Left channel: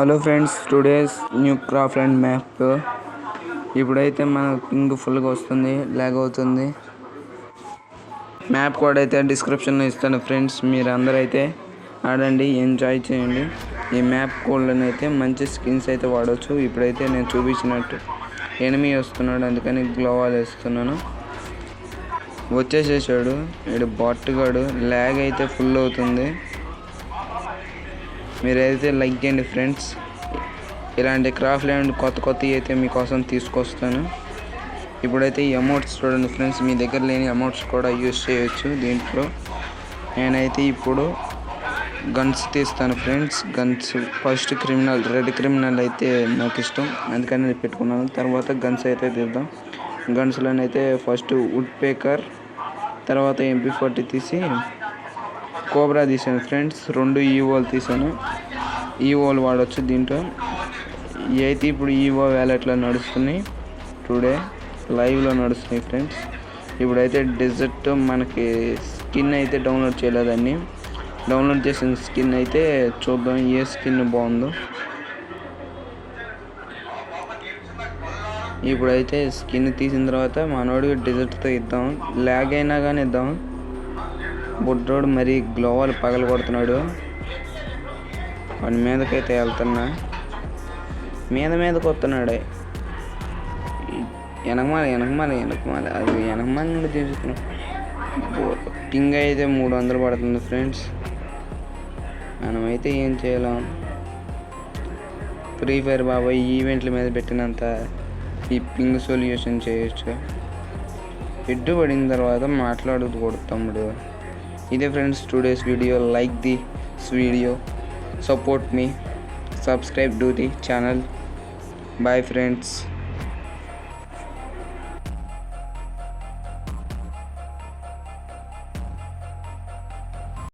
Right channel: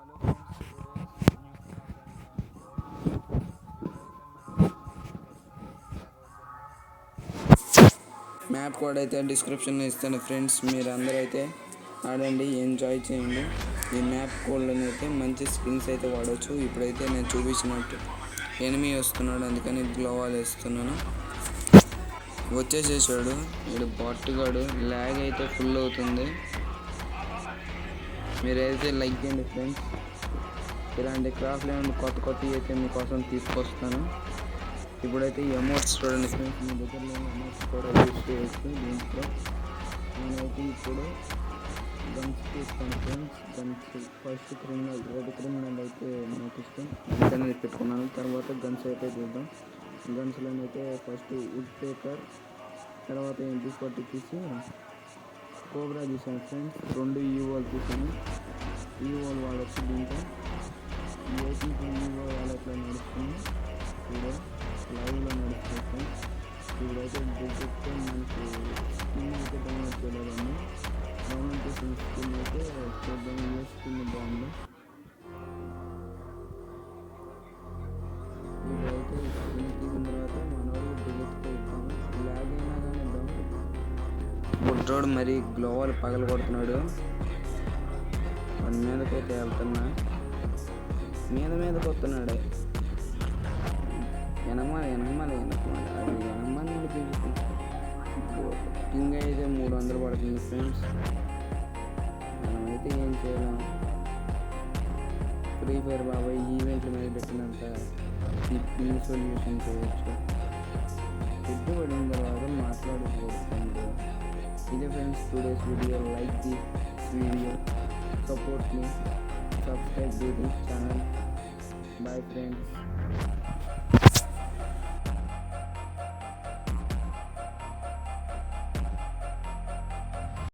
Hello friends, today's new craft and map. ఇప్పుడైతే మన ping ఫుల్గా వస్తుంది, లాగ్ అవుతుంది. మ్యాప్ కోడ్ అయితే డిస్క్రిప్షన్లో ఇస్తాను ఫ్రెండ్స్. మీరు అందరూ అయితే ఆడండి, ఎంజాయ్ చేయండి. ఈ మ్యాప్ కోడ్లను అయితే మంచి స్కిన్స్ అయితే వాడవచ్చు. ఇప్పుడైతే నేను చూపించినట్టు ఎనిమీ వస్తున్నాడు, అందుకని గ్లోవాల్ వేస్తున్నాను. వచ్చేసేసాడు వీడు బాట్గాడు. ల్యాగ్ అయితే ఫుల్ అవుతుంది. మీరైతే లైక్ చేయండి ఫ్రెండ్స్. ఇలాంటి క్రాఫ్ట్ ల్యాండ్ కొత్త అయితే మీకోసం తీసుకొస్తాను. ఇప్పుడైతే ఈ అమౌంట్స్ చూడండి ఫ్రెండ్స్, మీ దగ్గర లేని అమౌంట్స్ కూడా యూజ్ చేయొచ్చు దీంట్లో. నేనైతే ఇప్పుడు గన్స్ తీస్తాను friends. Guns first red criminal అయితే నాకు ఇష్టం, అందుకని నేను పెట్టుకున్నాను. తర్వాత గన్స్ అయితే తీద్దాం. గన్స్లోనైతే ఫస్ట్ వుడ్ పేకర్, తర్వాత MP40 తీసి కోబ్రా తీసాను ఫ్రెండ్స్. 2 ఈవోలు తీసాను. ఈవోలు వాడచ్చు దీంట్లో. అయితే ఇప్పుడు ఈవో వ్యాలెట్లో నడుస్తున్నాయి, టుడే లైవ్లో నడుస్తున్నాయి ఫ్రెండ్స్. ఇప్పుడైతే డెజర్ట్ మనకి స్కిన్ అయితే డౌన్లోడ్ చేయలేదండి. డౌన్లోడ్ చేసిన స్కిన్ అయితే చూద్దాం ఏ స్కిన్ బాగుందో. ఇప్పుడైతే స్కిన్ తీసిన తర్వాత మనోడికి డెజర్ట్తో ఇద్దాం. ల్యాగ్ అయినా కానీ ఇద్దాం. బుడ్డోడు మరి గ్లోవాల్ పగల కొడుతున్నాడు. వాడి మీదకైతే వెళ్తున్నా, మీదకి వస్తున్నాడు. వెనకమాల అది వెనకమాల నుండి తీసుకున్నాడు. పింగ్ అయితే 300 పడుతుంది ఫ్రెండ్స్. మనమైతే ఏం చేయలేం. ఫ్రీ ఫైర్ బాబాయ్ ఈవెంట్ల మీద పెట్టినంత ఈ పింగ్ సొల్యూషన్ చేయొచ్చు. హెడ్ పడిన తర్వాత మాట్లాడకూడదు తమ్ముడు. ఇదే friends today's video. Like this video, support me, subscribe to the channel. Bye friends.